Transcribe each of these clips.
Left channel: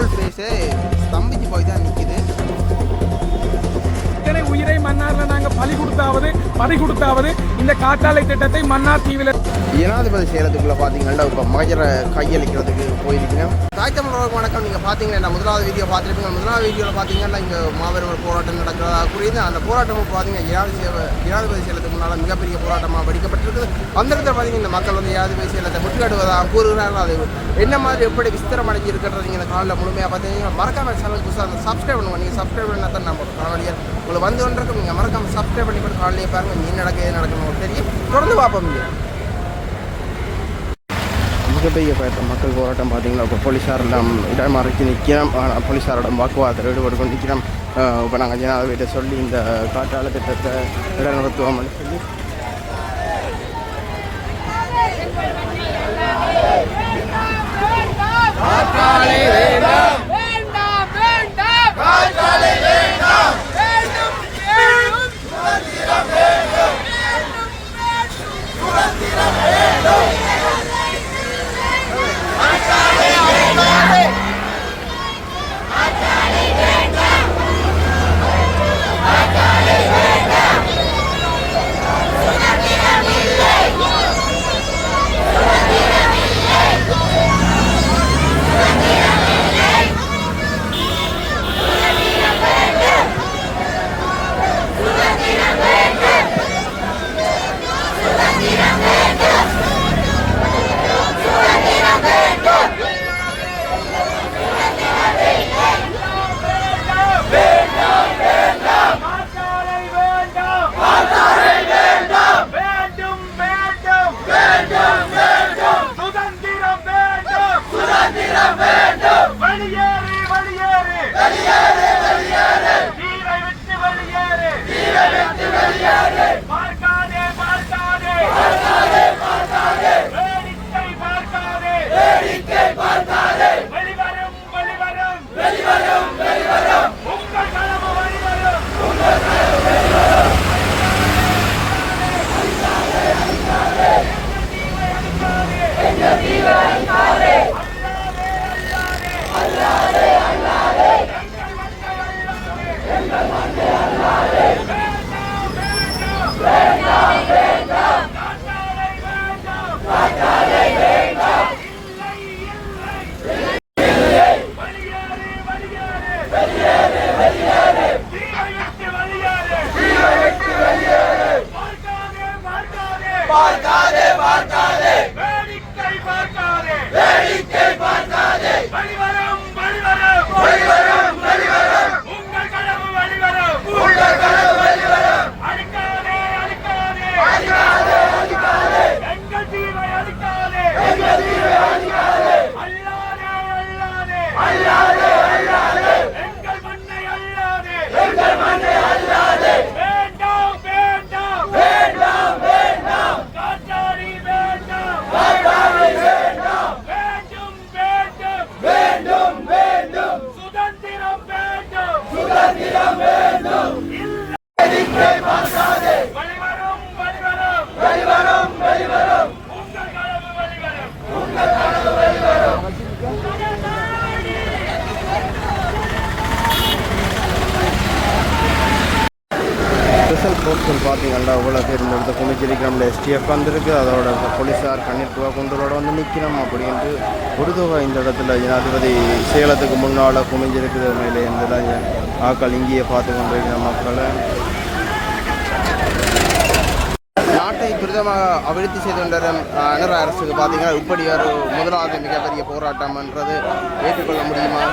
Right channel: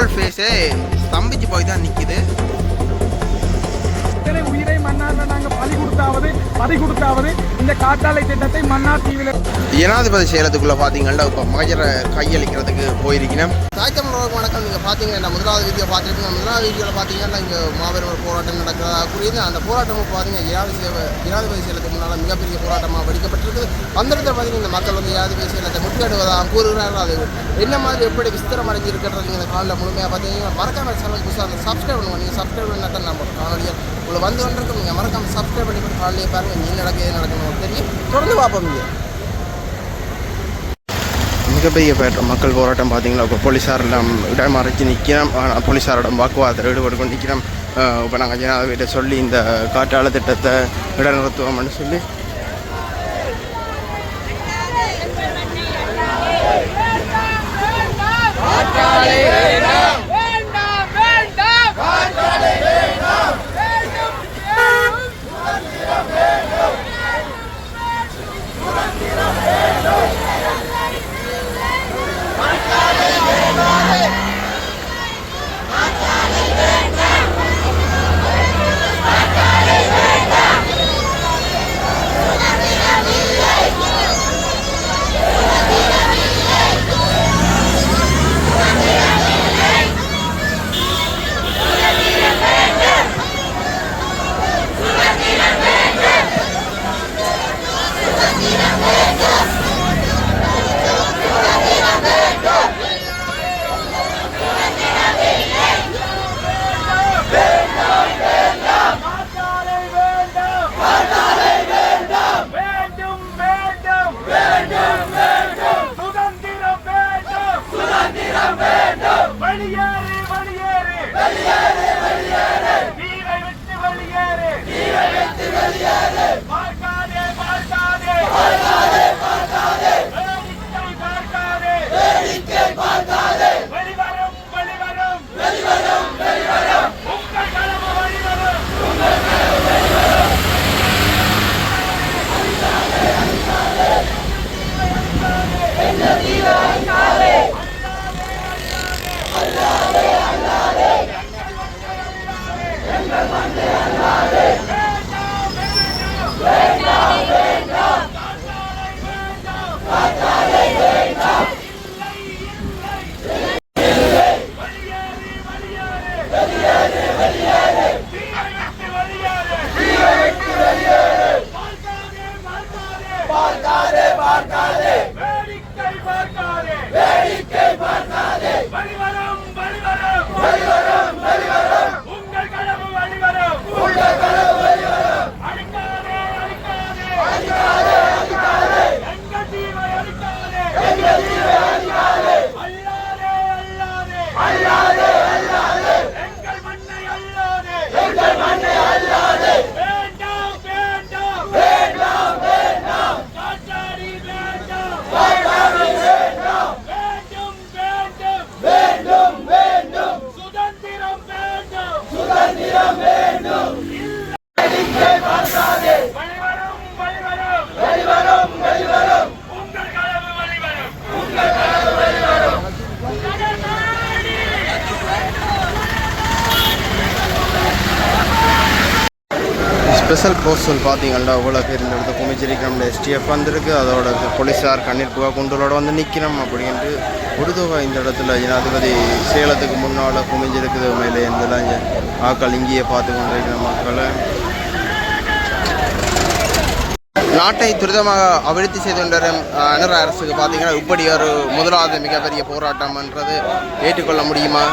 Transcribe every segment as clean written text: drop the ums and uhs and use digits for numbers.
Whole ஃபேஸே ஸ்தம்பிச்சு போய் தான் நிற்கிது. உயிரை மன்னார்ல நாங்கள் பறி கொடுத்தாவது இந்த காற்றாலை திட்டத்தை மன்னார் தீவில் ஜனாதிபதி சேலத்துக்குள்ள பார்த்தீங்கன்னா இப்போ மகஜரை கையளிக்கிறதுக்கு போயிருக்கேன். தாய் தமிழர்களுக்கு வணக்கம். நீங்கள் பார்த்தீங்கன்னா முதலாவது வீடியோ பார்த்துருப்பீங்க. முதலாவது வீடியோவில் பார்த்தீங்கன்னா இங்கே மாபெரும் ஒரு போராட்டம் நடக்கிறதா கூறியது. அந்த போராட்டம் பார்த்தீங்கன்னா ஜனாதிபதி சேலத்துக்கு முன்னால் மிகப்பெரிய போராட்டமாக வெடிக்கப்பட்டிருக்குது. அந்த இடத்துல பார்த்தீங்கன்னா இந்த மக்கள் வந்து ஜனாதிபதி சேலத்தை முற்றுகையிடுவதாக கூறுகிறார்கள். அது என்ன மாதிரி எப்படி விஸ்திரம் அடைஞ்சிருக்கிறது நீங்கள் இந்த காலையில் முழுமையாக பார்த்தீங்கன்னா மறக்காம சேனலுக்கு புதுசாக அந்த சப்ஸ்கிரைப் பண்ணுவோம். நீங்கள் சப்ஸ்கிரைப் பண்ணால் தான் நம்ம காணொலியை உங்களை வந்து கொண்டிருக்கும். நீங்கள் மறக்காம சப்ஸ்கிரைப் பண்ணி போட்டு காலையிலே பாருங்கள். என்ன நடக்குது எது நடக்கணும் தெரியும். தொடர்ந்து பார்ப்போம். மிகப்பெரிய மக்கள் போராட்டம் பார்த்தீங்களா. இப்போ போலீஸாரெல்லாம் இடமறைச்சி நிற்கிறோம். போலீஸாரிடம் வாக்குவாதத்தில் ஈடுபட்டு கொண்டு நிற்கிறோம். இப்போ நாங்கள் ஜனாதிபதியிட்ட சொல்லி இந்த காற்றாலை திட்டத்தை இடைநிறுத்துவோம்னு சொல்லி ஸ்பெஷல் போஸ்டல் பார்த்தீங்கன்னா அவ்வளோ பேர் இந்த இடத்த குமிச்சிருக்கிறோம்ல. STF வந்திருக்கு. அதோட போலீஸார் கண்ணீர் புகா குண்டலோட வந்து நிற்கிறோம் அப்படின்ட்டு ஒரு தொகை இந்த இடத்துல ஜனாதிபதி சேலத்துக்கு முன்னால் குமிஞ்சிருக்குது. மேலே இருந்துலாம் ஆக்கள் இங்கேயே பார்த்து கொண்டிருக்கிற மக்களை. நாட்டை துரிதமாக அபிவிருத்தி செய்து கொண்டிருக்கும் அனுர அரசுக்கு பார்த்தீங்கன்னா இப்படி ஒரு முதலாவது மிகப்பெரிய போராட்டம்ன்றது ஏற்றுக்கொள்ள முடியுமா?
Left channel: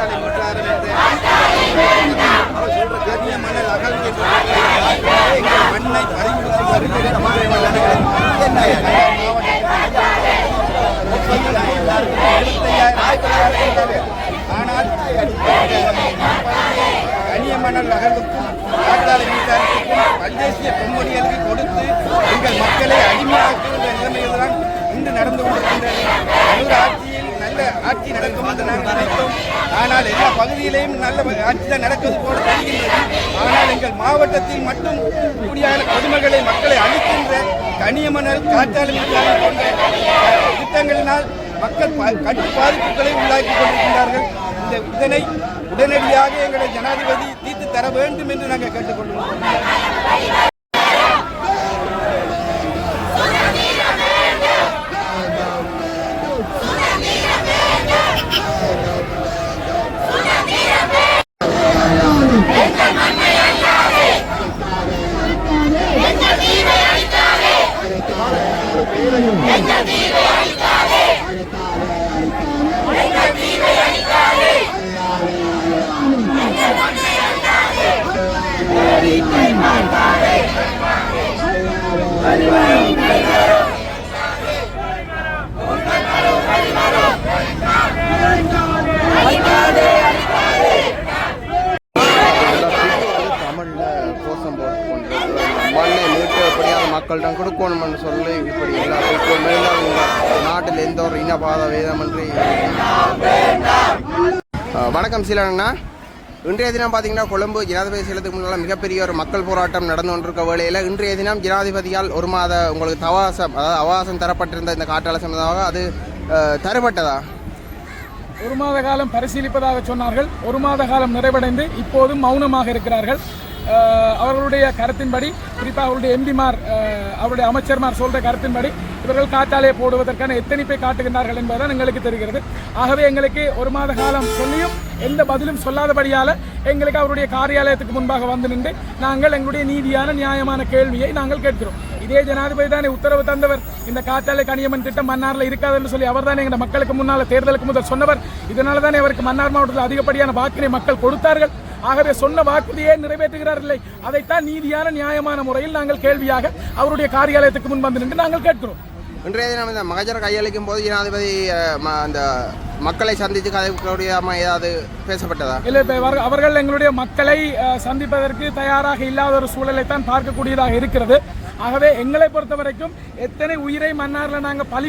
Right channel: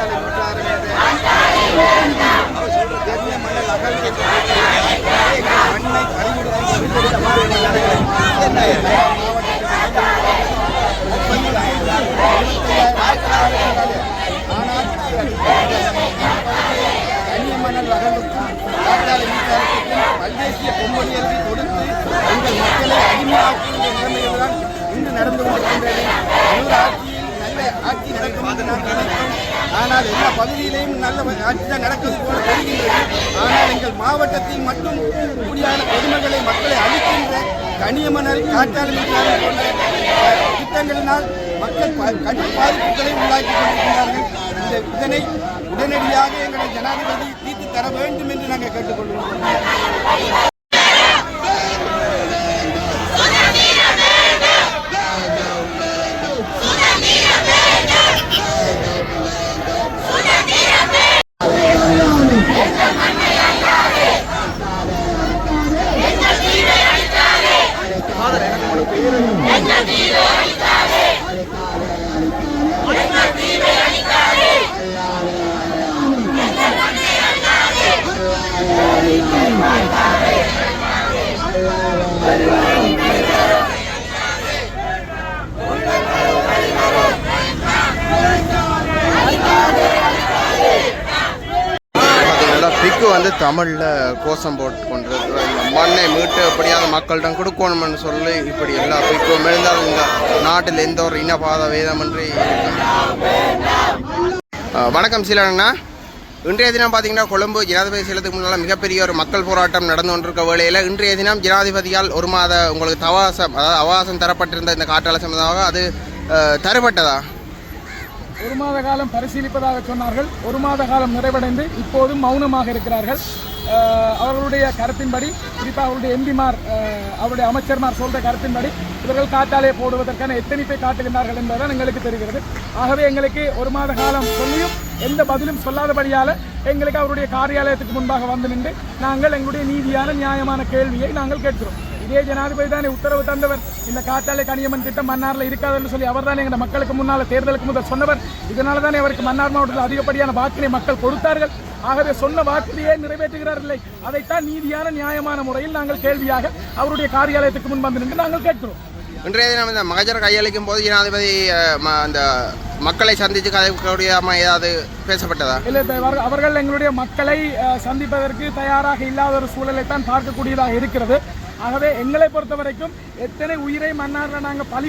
காற்றாலை மின்சாரம் கண்ணிய மணல் அகழ்ச்சி மண்ணை ஆனால் கனிய மணல் அகழ்வுக்கும் காற்றாலை மின்சாரத்துக்கும் மல்தேசிய பொம்பொடிகளுக்கு கொடுத்து எங்கள் மக்களை அடிமையாக்குகின்ற நிலைமையில்தான் இன்று நடந்து கொண்டிருக்கின்றது. ஒரு ஆட்சியில் நல்ல ஆட்சி நடக்கும் என்று நாங்கள் நினைத்தோம். ஆனால் எல்லா பகுதியிலையும் நல்ல ஆட்சி தான் நடப்பது போல தெரிகின்றது. ஆனால் எங்கள் மாவட்டத்தில் மட்டும் இப்படியான கொடுமைகளை மக்களை அளிக்கின்ற கனியமணல் காற்றாலை மின்சாரம் போன்ற திட்டங்களினால் மக்கள் கடும் பாதிப்புகளை உள்ளாக்கி கொண்டிருக்கிறார்கள். இதனை உடனடியாக எங்களை ஜனாதிபதி தீர்த்து தர வேண்டும் என்று நாங்கள் கேட்டுக்கொள்கிறோம். பிக்கு வந்து தமிழில் கோஷம் போட்டு கொண்டிருக்கிற இந்த மண்ணை மீட்டு எப்படியாவது மக்களிடம் கொடுக்கணும்னு சொல்லி இப்படி எல்லா பிக்கும் இருந்தாலும் இந்த நாட்டில் எந்த ஒரு இனபாத வேதமின்றி. வணக்கம் சீலண்ணா. இன்றைய தினம் பார்த்தீங்கன்னா கொழும்பு ஜனாதிபதி செல்வதுக்கு முன்னால் மிகப்பெரிய ஒரு மக்கள் போராட்டம் நடந்து கொண்டிருக்க வேளையில் இன்றைய தினம் ஜனாதிபதியால் ஒரு மாத உங்களுக்கு அவகாசம் தரப்பட்டிருந்த இந்த காற்றாலை சம்பந்தமாக அது தரப்பட்டதா? ஒரு மாத காலம் பரிசீலிப்பதாக சொன்னார்கள். ஒரு மாத காலம் நிறைவடைந்து இப்போதும் மௌனமாக இருக்கிறார்கள். அவர்களுடைய கருத்தின்படி, குறிப்பாக அவருடைய எம்பிமார், அவருடைய அமைச்சர்மார் சொல்ற கருத்தின்படி இவர்கள் காற்றாலையை போடுவதற்கான எத்தனிப்பை காட்டுகின்றார்கள் என்பதுதான் எங்களுக்கு தெரிகிறது. ஆகவே எங்களுக்கு ஒரு மாத காலம் சொல்லியும் எந்த பதிலும் சொல்லாதபடியால் எங்களுக்கு அவருடைய காரியாலயத்துக்கு முன்பாக வந்து நின்று நாங்கள் எங்களுடைய நீதியான நியாயமான கேள்வியை நாங்கள் கேட்கிறோம். இதே ஜனாதிபதி தானே உத்தரவு தந்தவர், இந்த காற்றாலை கனியமன் திட்டம் மன்னாரில் இருக்காதுன்னு சொல்லி அவர் தானே எங்கள் மக்களுக்கு முன்னால் தேர்தலுக்கு முதல் சொன்னவர். இதனால தானே அவருக்கு மன்னார் மாவட்டத்தில் அதிகப்படியான வாக்கினை மக்கள் கொடுத்தார்கள். ஆகவே சொன்ன வாக்குறுதியை நிறைவேற்றுகிறார்களே, அதைத்தான் நீதியான நியாயமான முறையில் நாங்கள் கேள்வியாக அவருடைய காரியாலயத்துக்கு முன் வந்து நின்று நாங்கள் கேட்கிறோம். இன்றைய தினம் இந்த மகஜர கையளிக்கும் போது ஜனாதிபதி அந்த மக்களை சந்தித்து கதைக்கூடிய ஏதாவது பேசப்பட்டதா? இல்லை, அவர்கள் எங்களுடைய மக்களை சந்திப்பதற்கு தயாராக இல்லாத ஒரு சூழலை தான் பார்க்கக்கூடியதாக இருக்கிறது. ஆகவே எங்களை பொறுத்த வரைக்கும் எத்தனை உயிரை மன்னாரில் நாங்கள் பறி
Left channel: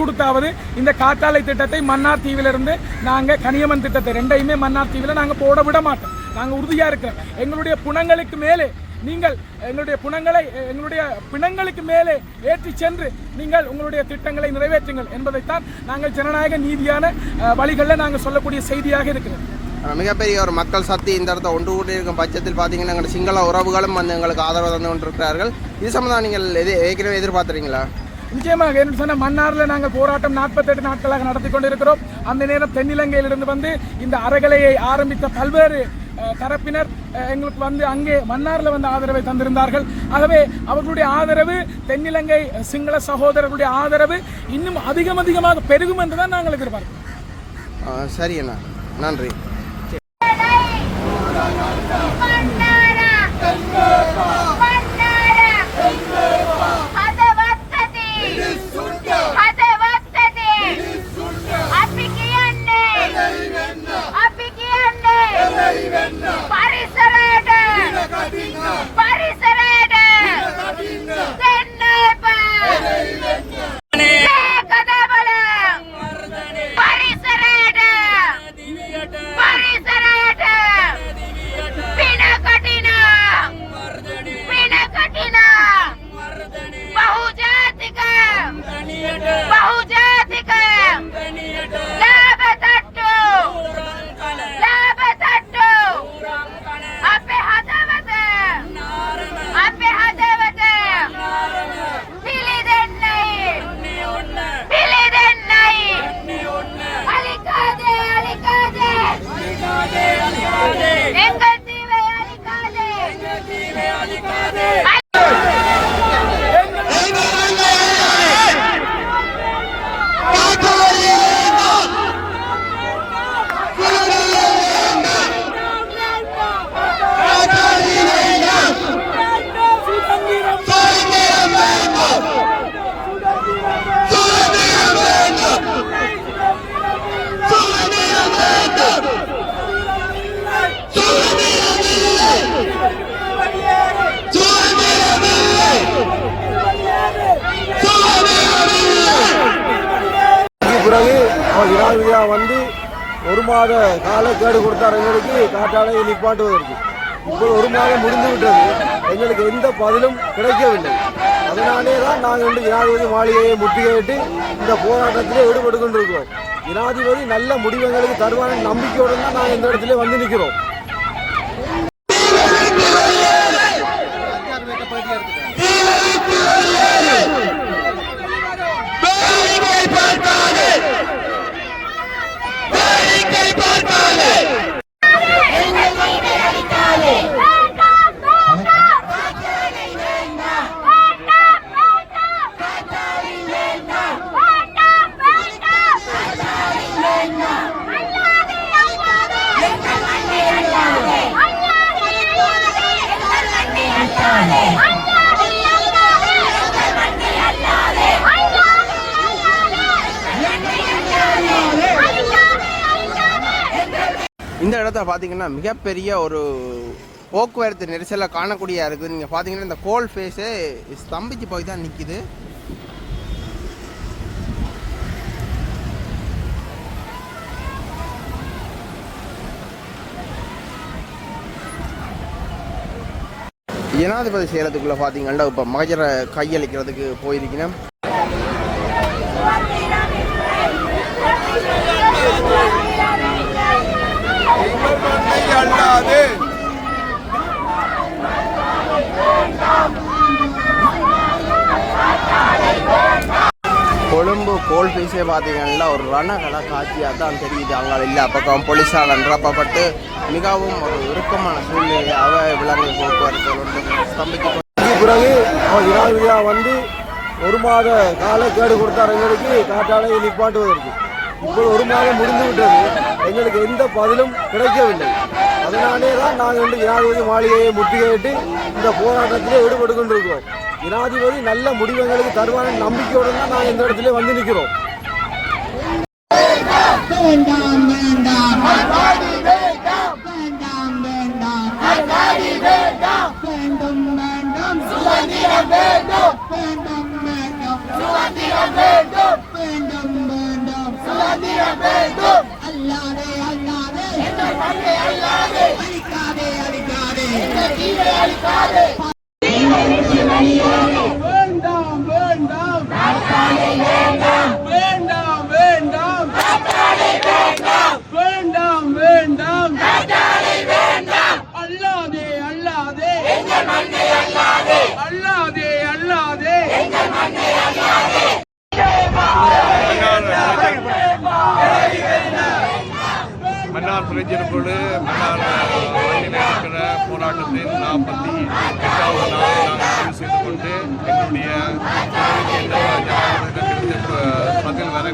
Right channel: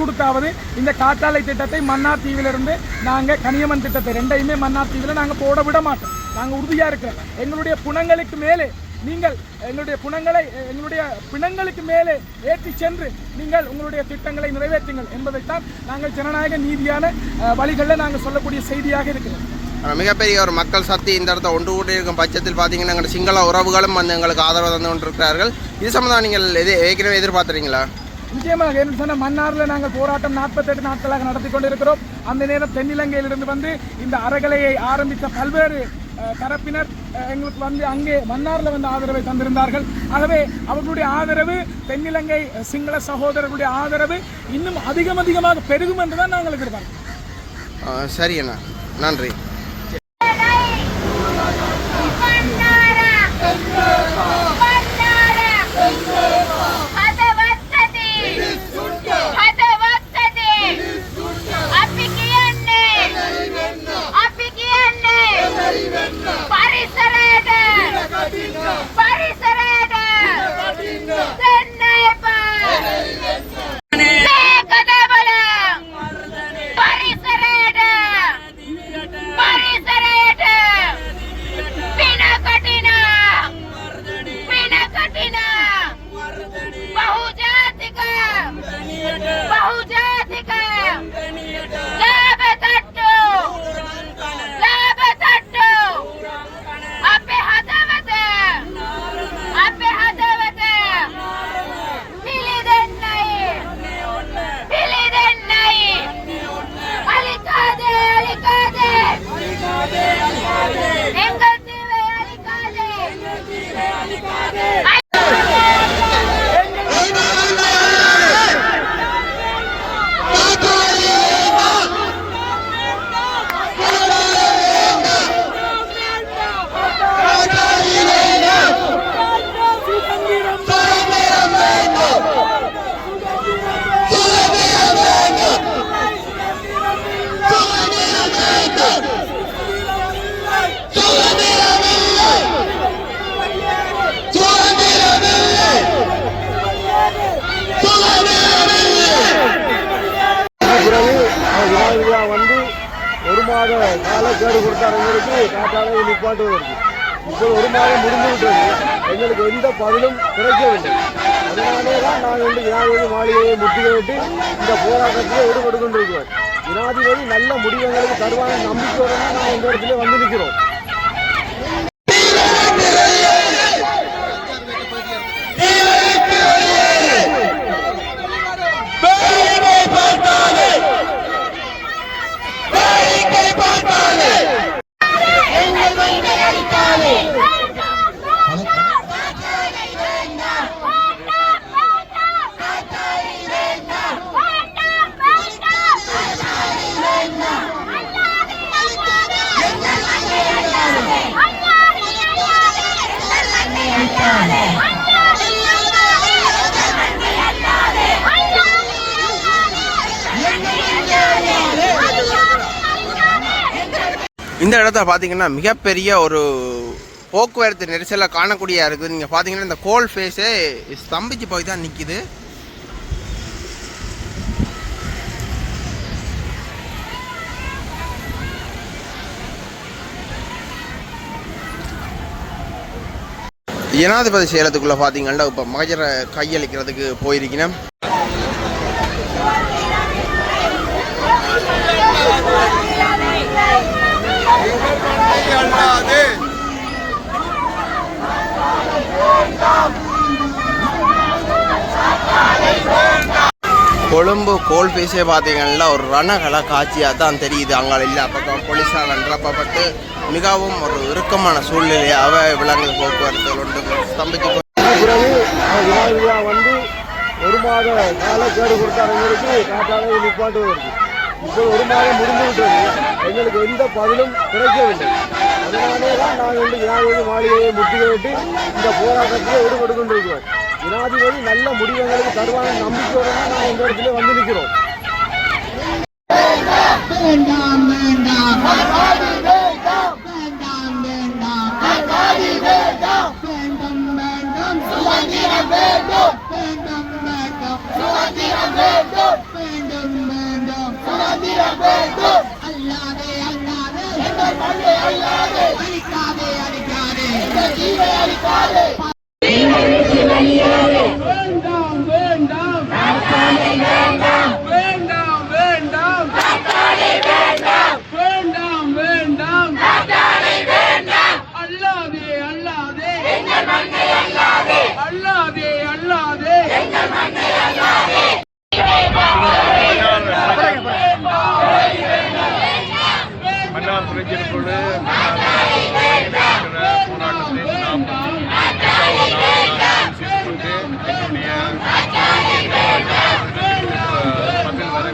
கொடுத்தாவது இந்த காற்றாலை திட்டத்தை மன்னார் தீவிலிருந்து நாங்கள் கனியமன் திட்டத்தை ரெண்டையுமே மன்னார் தீவில் நாங்கள் போட விட மாட்டோம். நாங்கள் உறுதியாக இருக்கிறோம். எங்களுடைய புணங்களுக்கு மேலே நீங்கள் எங்களுடைய பிணங்களுக்கு மேலே ஏற்றி சென்று நீங்கள் உங்களுடைய திட்டங்களை நிறைவேற்றுங்கள் என்பதைத்தான் நாங்கள் ஜனநாயக நீதியான வழிகளில் நாங்கள் சொல்லக்கூடிய செய்தியாக இருக்கிறோம். மிகப்பெரிய ஒரு மக்கள் சக்தி இந்த இடத்த ஒன்று கூட்டி இருக்கும் பட்சத்தில் பார்த்தீங்கன்னா எங்கள் சிங்கள உறவுகளும் வந்து எங்களுக்கு ஆதரவு தந்து கொண்டிருக்கிறார்கள். இது சம்பந்தம் நீங்கள் ஏற்கனவே எதிர்பார்த்துறீங்களா? நிச்சயமாக. என்ன சொன்ன மன்னாரில் நாங்கள் போராட்டம் 48 நாட்களாக நடத்தி கொண்டிருக்கிறோம். அந்த நேரம் தென்னிலங்கையிலிருந்து வந்து இந்த அறகலையை ஆரம்பித்த பல்வேறு தரப்பினர் எங்களுக்கு வந்து அங்கே மன்னாரில் வந்து ஆதரவை தந்திருந்தார்கள். ஆகவே அவர்களுடைய ஆதரவு, தென்னிலங்கை சிங்கள சகோதரர்களுடைய ஆதரவு இன்னும் அதிகமாக பெருகும் என்றுதான் நாங்கள் எதிர்பார்க்கிறோம். சரி அண்ணா, நன்றி. ஜனாதிபதியாக வந்து 1 மாத கால கேடு கொடுத்தார் எங்களுக்கு காற்றாலையை நிப்பாட்டுவதற்கு. இப்போது 1 மாதம் முடிந்து விட்டது, எங்களுக்கு எந்த பதிலும் கிடைக்கவில்லை. அதனாலே தான் நாங்கள் வந்து ஜனாதிபதி மாளிகையை முற்றுகையிட்டு இந்த போராட்டத்திலே ஈடுபட்டு கொண்டிருக்கிறோம். ஜனாதிபதி நல்ல முடிவு எங்களுக்கு தருவான நம்பிக்கையுடன் தான் நாங்கள் இந்த இடத்துல வந்து நிற்கிறோம். இந்த இடத்த பார்த்தீங்கன்னா மிகப்பெரிய ஒரு போக்குவரத்து நெரிசலை காணக்கூடியா இருக்குது. நீங்கள் பார்த்தீங்கன்னா இந்த கோல் ஃபேஸே ஸ்தம்பிச்சு போய் தான் நிற்கிது. ஜனாதிபதி சேலத்துக்குள்ளே பார்த்தீங்கன்னா இப்போ மகஜரை கையளிக்கிறதுக்கு போயிருக்கணும். கொழும்பு கோல் ஃபேஸே பார்த்தீங்கன்னா ஒரு ரணகல காட்சியாக தான் தெரியுது. அங்கே இல்லை பக்கம் போலீஸால் நிரப்பப்பட்டு மிகவும் ஒரு இறுக்கமான சூழ்நிலையாக விலங்கு போக்குவரத்து ஒன்று ஸ்தம்பிச்சு பிறகு அவர் ஜனாதிபதியாக வந்து 1 மாத கால கேடு கொடுத்தார் எங்களுக்கு காற்றாலையை நிப்பாட்டுவதற்கு. இப்போது 1 மாதம் முடிந்து விட்டது, எங்களுக்கு எந்த பதிலும் கிடைக்கவில்லை. அதனாலே தான் நாங்கள் வந்து ஜனாதிபதி மாளிகையை முற்றுகையிட்டு இந்த போராட்டத்திலே ஈடுபட்டு கொண்டிருக்கிறோம். ஜனாதிபதி நல்ல முடிவு எங்களுக்கு தருவான நம்பிக்கையுடன் தான் நாங்கள் இந்த இடத்துல வந்து நிற்கிறோம். மன்னார் பிரச்சனைக்குழு மன்னார் போராட்டத்தின் 48வது நாளை நான் செய்து கொண்டு என்னுடைய பதில் வரை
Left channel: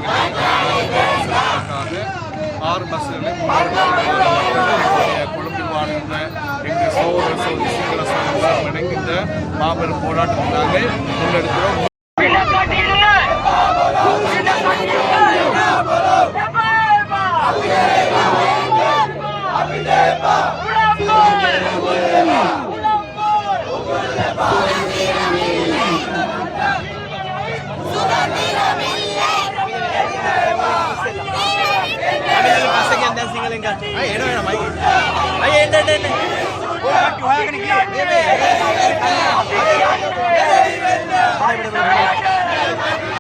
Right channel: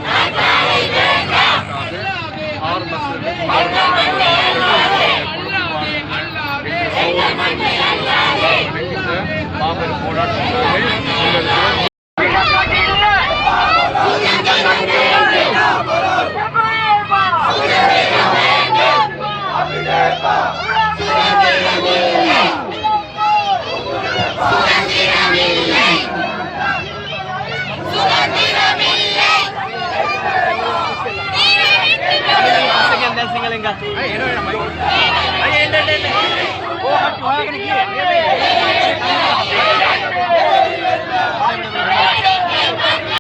6 பஸ்ஸுகள் மாபெரும் போராட்டத்தினாலே முன்னெடுக்கிறோம். Oh,